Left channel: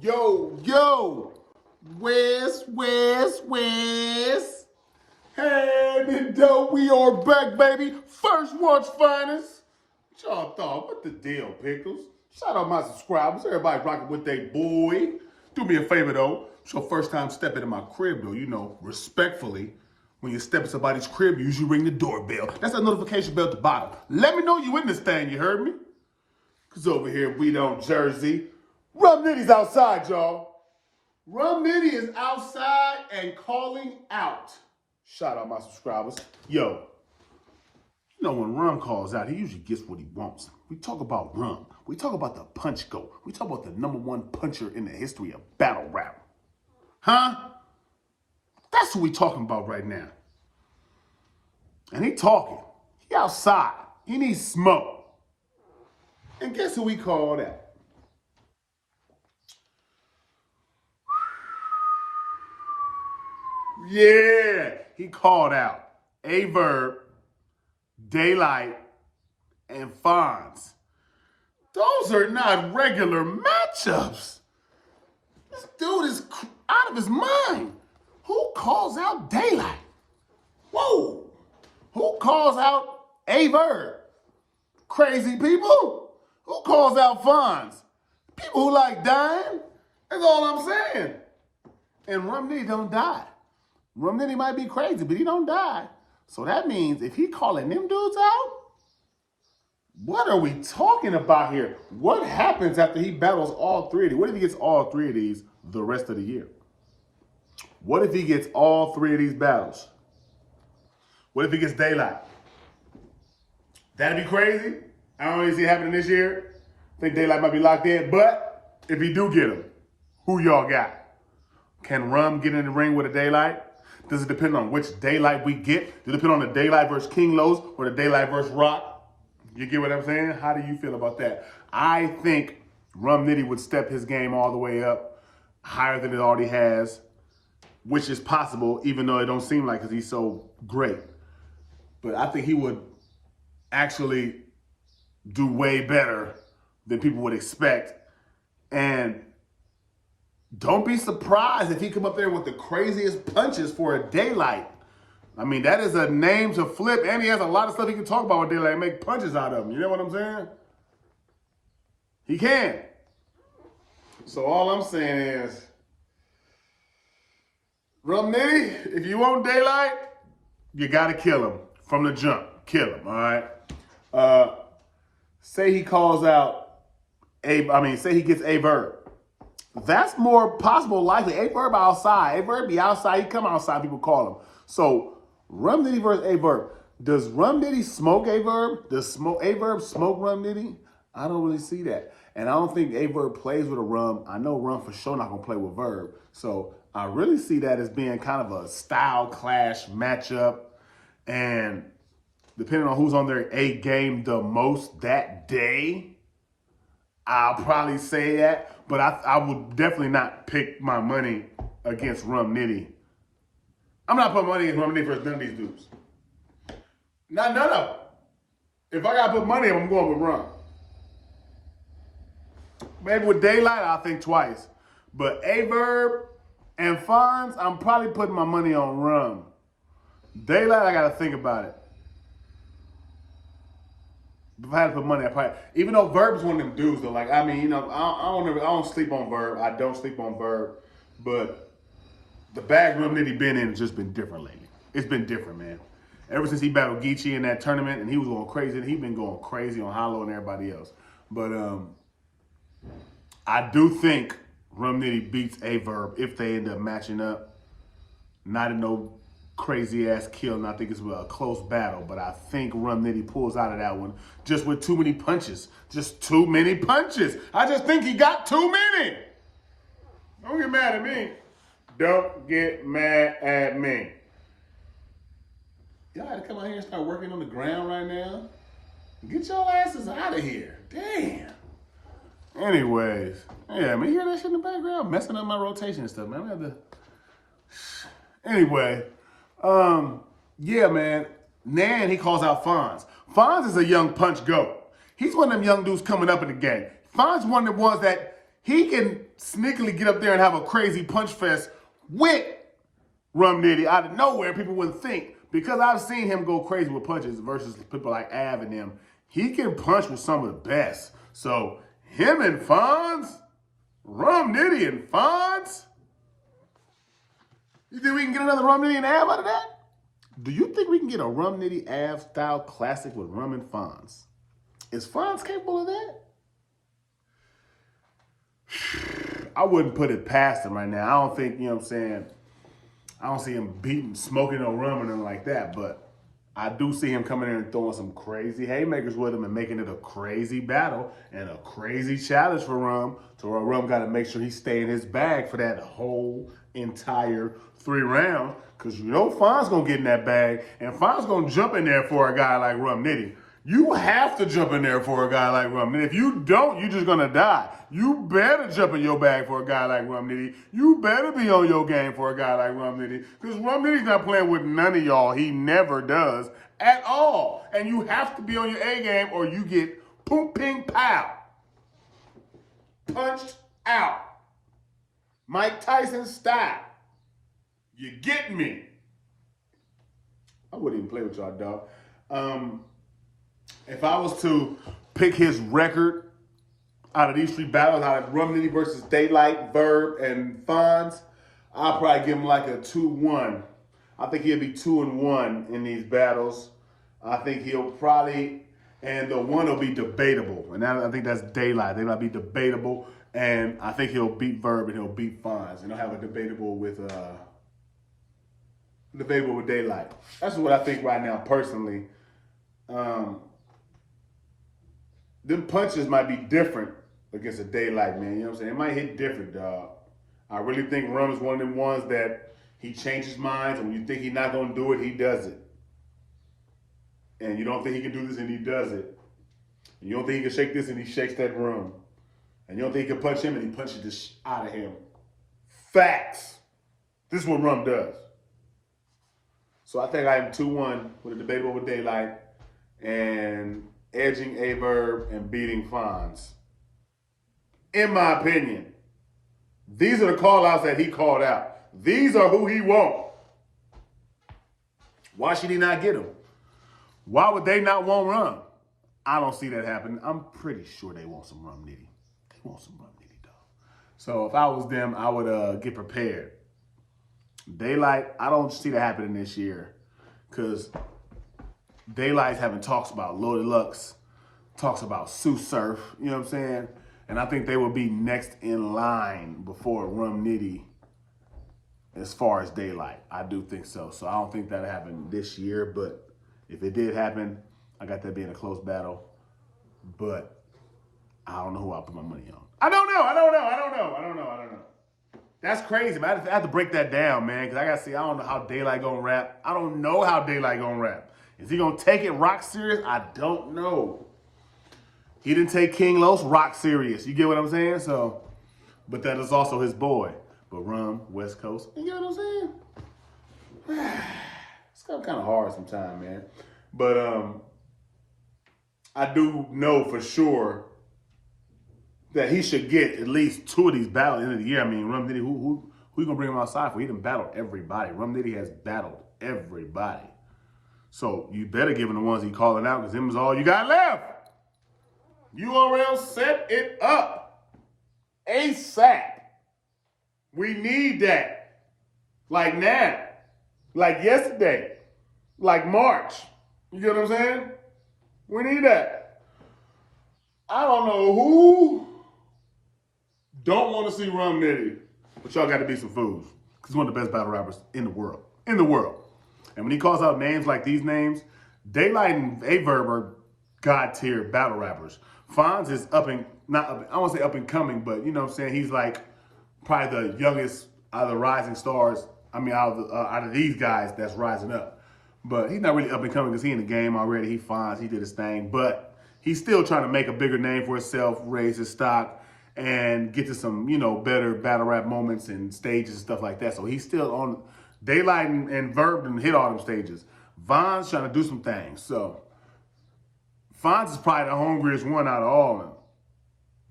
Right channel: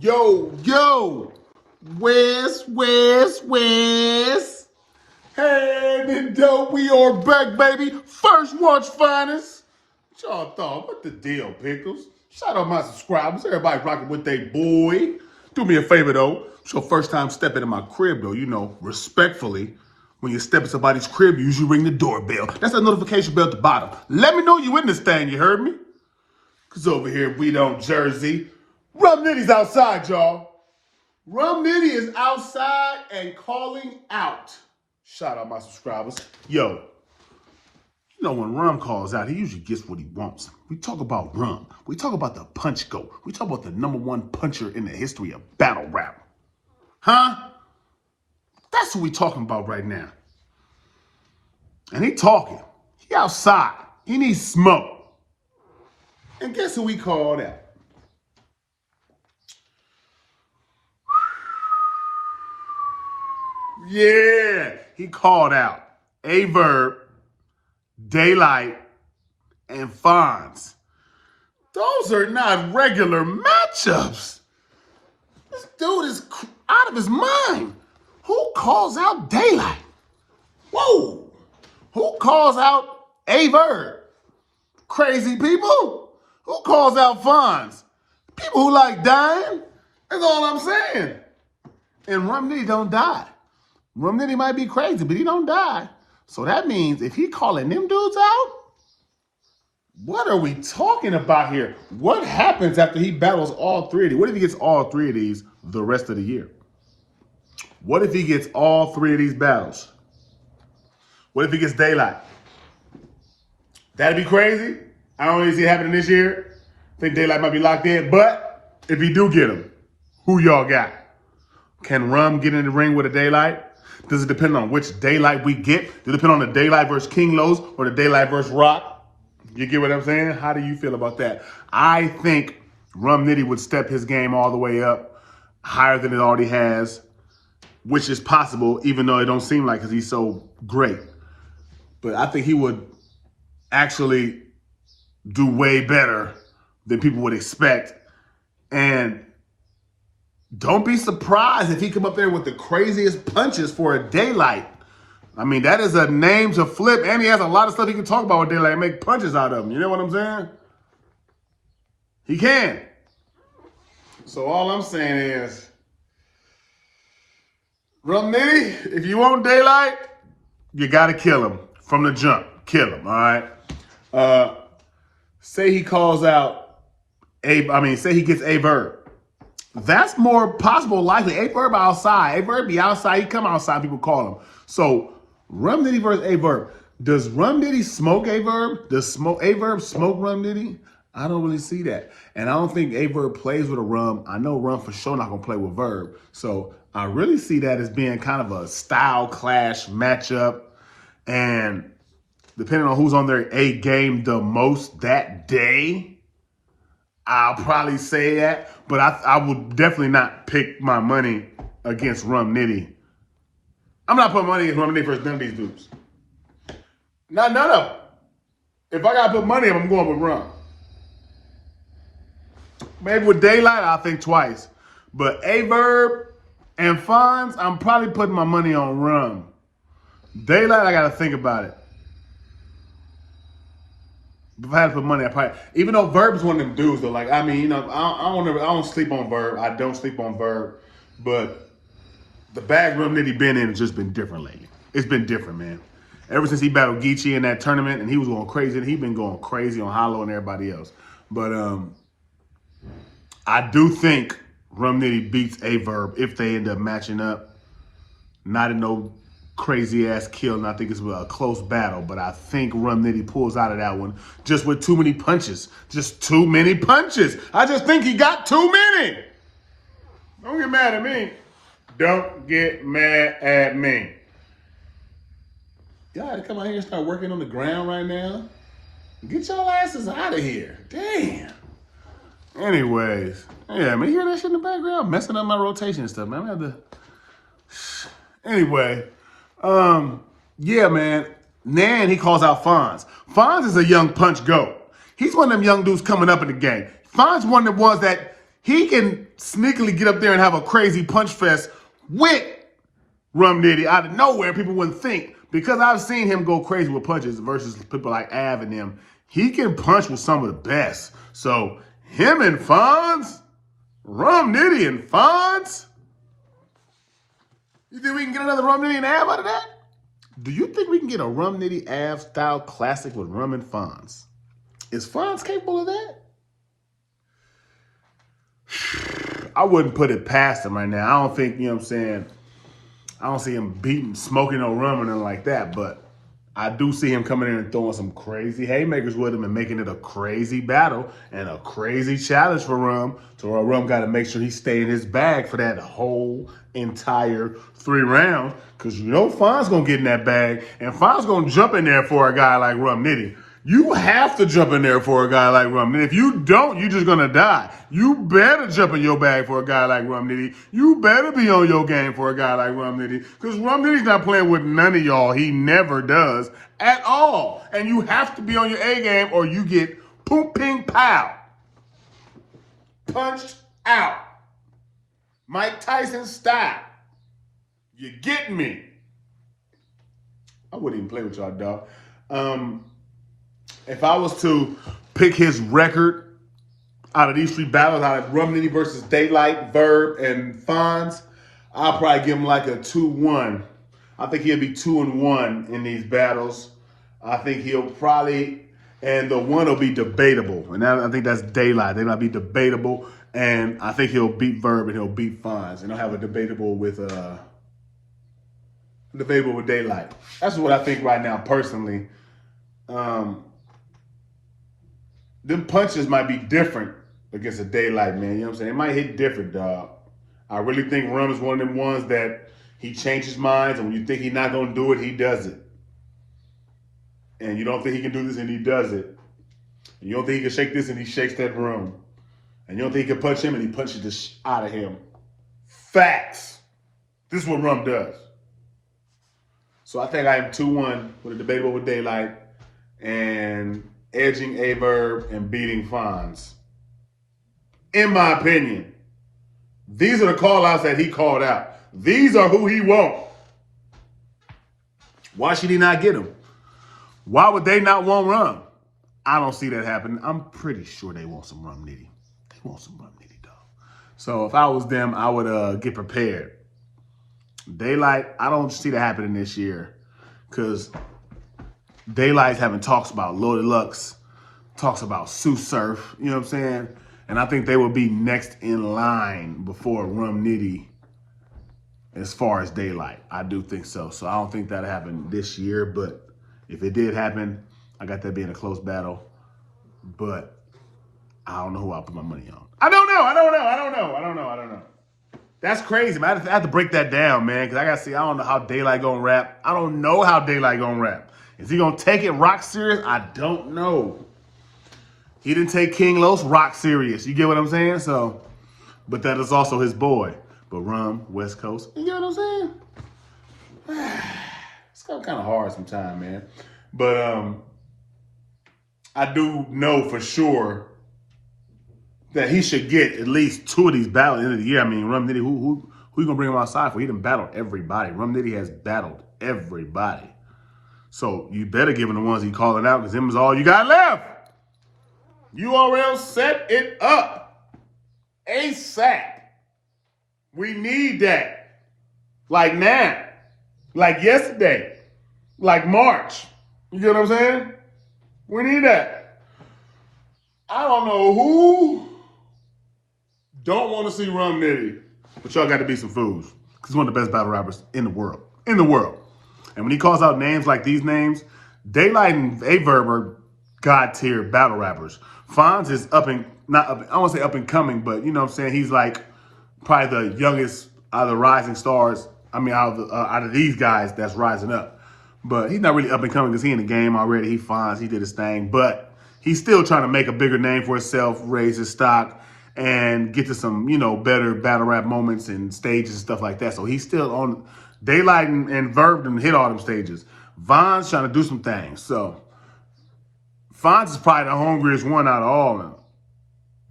Yo, Wes. Hey, then dope, we are back, baby. First watch finest. What y'all thought? What the deal, Pickles? Shout out my subscribers. Everybody rocking with they boy. Do me a favor, though. It's your first time stepping in my crib, though. You know, respectfully. When you step in somebody's crib, you usually ring the doorbell. That's a notification bell at the bottom. Let me know you in this thing, you heard me? Because over here, we don't Jersey. Rum Nitty's outside, y'all. Rum Nitty is outside and calling out. Shout out my subscribers. Yo, you know when Rum calls out, he usually gets what he wants. We talk about Rum. We talk about the punch goat. We talk about the #1 puncher in the history of battle rap. Huh? That's what we talking about right now. And he talking. He outside. He needs smoke. And guess who he called out? Yeah, he called out VERB, DAYLYT, and FONZ. Those are not regular matchups. This dude is out of his mind. Who calls out DAYLYT? Whoa. Who calls out VERB? Crazy people? Who calls out FONZ? People who like dying? That's all I'm saying. And Rum Nitty don't die. Rum Nitty might be crazy, but he don't die. So that means if he calling them dudes out, what are we talking about here? What happens after he battles all three of these? What if he gets all three of these the rest of the year? What if he gets all three of these battles? What if he gets DAYLYT? That'd be crazy. I don't really see it happening this year. I think DAYLYT might be locked in, but if he do get him, who y'all got? Can Rum get in the ring with a DAYLYT? Does it depend on which DAYLYT we get? Does it depend on the DAYLYT versus King Los or the DAYLYT versus Rock? You get what I'm saying? How do you feel about that? I think Rum Nitty would step his game all the way up, higher than it already has, which is possible, even though it don't seem like because he's so great. But I think he would actually do way better than people would expect. And don't be surprised if he come up there with the craziest punches for a DAYLYT. I mean, that is a name to flip, and he has a lot of stuff he can talk about with DAYLYT and make punches out of him. You know what I'm saying? He can. So all I'm saying is, Rum Nitty, if you want DAYLYT, you got to kill him from the jump. Kill him, all right? Say he calls out, say he gets VERB. That's more possible, likely. VERB outside. VERB be outside. He come outside, people call him. So, Rum Nitty versus VERB. Does Rum Nitty smoke VERB? Does VERB smoke Rum Nitty? I don't really see that. And I don't think VERB plays with a Rum. I know Rum for sure not going to play with VERB. So, I really see that as being kind of a style clash matchup. And depending on who's on their A game the most that day, I'll probably say that. But I would definitely not pick my money against Rum Nitty. I'm not putting money against Rum Nitty versus none of these dudes. No. If I gotta put money, I'm going with Rum. Maybe with DAYLYT, I'll think twice. But VERB and FONZ, I'm probably putting my money on Rum. DAYLYT, I gotta think about it. If I had to put money, I probably, even though VERB is one of them dudes though, like, I mean, you know, I don't sleep on VERB. I don't sleep on VERB, but the bag Rum Nitty been in has just been different lately. It's been different, man. Ever since he battled Geechee in that tournament and he was going crazy, and he's been going crazy on Hollow and everybody else. But I do think Rum Nitty beats VERB if they end up matching up. Not in no crazy ass kill, and I think it's a close battle, but I think Rum Nitty pulls out of that one just with too many punches. Just too many punches. I just think he got too many. Don't get mad at me. Don't get mad at me. Y'all had to come out here and start working on the ground right now. Get y'all asses out of here. Damn. Anyways, yeah, man, you hear that shit in the background? Messing up my rotation and stuff, man. I have to... Anyway, yeah, man. Nan, he calls out FONZ. FONZ is a young punch goat. He's one of them young dudes coming up in the game. FONZ one of the ones that he can sneakily get up there and have a crazy punch fest with Rum Nitty out of nowhere. People wouldn't think, because I've seen him go crazy with punches versus people like Av and them. He can punch with some of the best. So him and FONZ, Rum Nitty and FONZ. You think we can get another Rum Nitty and Av out of that? Do you think we can get a Rum Nitty Av style classic with Rum and FONZ? Is FONZ capable of that? I wouldn't put it past him right now. I don't think, you know what I'm saying, I don't see him beating, smoking no rum or nothing like that, but I do see him coming in and throwing some crazy haymakers with him and making it a crazy battle and a crazy challenge for Rum. So Rum got to make sure he stay in his bag for that whole entire 3 rounds, because you know FONZ going to get in that bag, and FONZ going to jump in there for a guy like Rum Nitty. You have to jump in there for a guy like Rum Nitty. If you don't, you're just going to die. You better jump in your bag for a guy like Rum Nitty. You better be on your game for a guy like Rum Nitty, because Rum Nitty's not playing with none of y'all. He never does at all. And you have to be on your A game or you get poop, ping, pow. Punched out. Mike Tyson style. You get me? I wouldn't even play with y'all, dog. If I was to pick his record out of these 3 battles, out of Rum Nitty versus DAYLYT, VERB, and FONZ, I'll probably give him like a 2-1. I think he'll be 2-1 in these battles. I think he'll probably, and the one will be debatable. And I think that's DAYLYT. They might be debatable. And I think he'll beat VERB and he'll beat FONZ. And he'll have a debatable with DAYLYT. That's what I think right now, personally. Them punches might be different against a DAYLYT, man. You know what I'm saying? It might hit different, dog. I really think Rum is one of them ones that he changes minds, and when you think he's not going to do it, he does it. And you don't think he can do this, and he does it. And you don't think he can shake this, and he shakes that room. And you don't think he can punch him, and he punches the out of him. Facts. This is what Rum does. So I think I am 2-1 with a debatable with DAYLYT and edging VERB and beating FONZ. In my opinion, these are the call-outs that he called out. These are who he wants. Why should he not get them? Why would they not want Rum? I don't see that happening. I'm pretty sure they want some Rum Nitty. They want some Rum Nitty, dog. So if I was them, I would get prepared. DAYLYT, I don't see that happening this year, because DAYLYT's having talks about Loaded Lux, talks about Sue Surf, you know what I'm saying? And I think they will be next in line before Rum Nitty as far as DAYLYT. I do think so. So I don't think that'll happen this year, but if it did happen, I got that being a close battle. But I don't know who I'll put my money on. I don't know. That's crazy, man. I have to break that down, man, because I got to see, I don't know how DAYLYT gonna rap. I don't know how DAYLYT gonna rap. Is he gonna take it rock serious? I don't know. He didn't take King Los rock serious. You get what I'm saying? So, but that is also his boy. But Rum, West Coast, you get what I'm saying? It's kind of hard sometimes, man. But I do know for sure that he should get at least 2 of these battles at the end of the year. I mean, Rum Nitty, who you gonna bring him outside for? He done battled everybody. Rum Nitty has battled everybody. So you better give him the ones he calling out, because them is all you got left. URL, set it up ASAP. We need that. Like now. Like yesterday. Like March. You get what I'm saying? We need that. I don't know who don't want to see Rum Nitty, but y'all got to be some fools, because he's one of the best battle rappers in the world. In the world. And when he calls out names like these names, DAYLYT and VERB are God-tier battle rappers. FONZ is I won't say up and coming, but you know what I'm saying? He's like probably the youngest out of the rising stars. I mean, out of these guys that's rising up. But he's not really up and coming because he in the game already. He FONZ, he did his thing. But he's still trying to make a bigger name for himself, raise his stock, and get to some, you know, better battle rap moments and stages and stuff like that. So he's still on. DAYLYT and VERB didn't hit all them stages. Von's trying to do some things. So FONZ is probably the hungriest one out of all of them.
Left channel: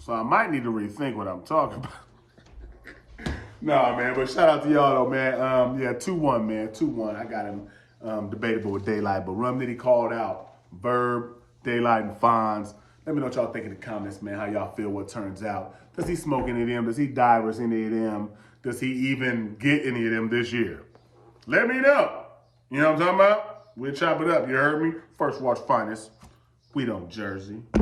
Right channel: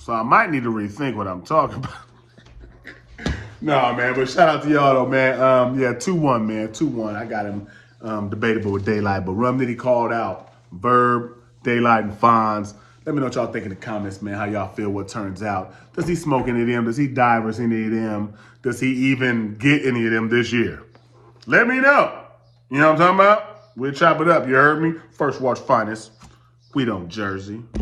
So I might need to rethink what I'm talking about. Nah, man, but shout out to y'all though, man. Yeah, 2-1, man. 2-1. I got him debatable with DAYLYT, but RUM NITTY called out VERB, DAYLYT, and FONZ. Let me know what y'all think in the comments, man, how y'all feel what turns out. Does he smoke any of them? Does he divers any of them? Does he even get any of them this year? Let me know. You know what I'm talking about? We'll chop it up. You heard me? First Watch Finest. We don't Jersey.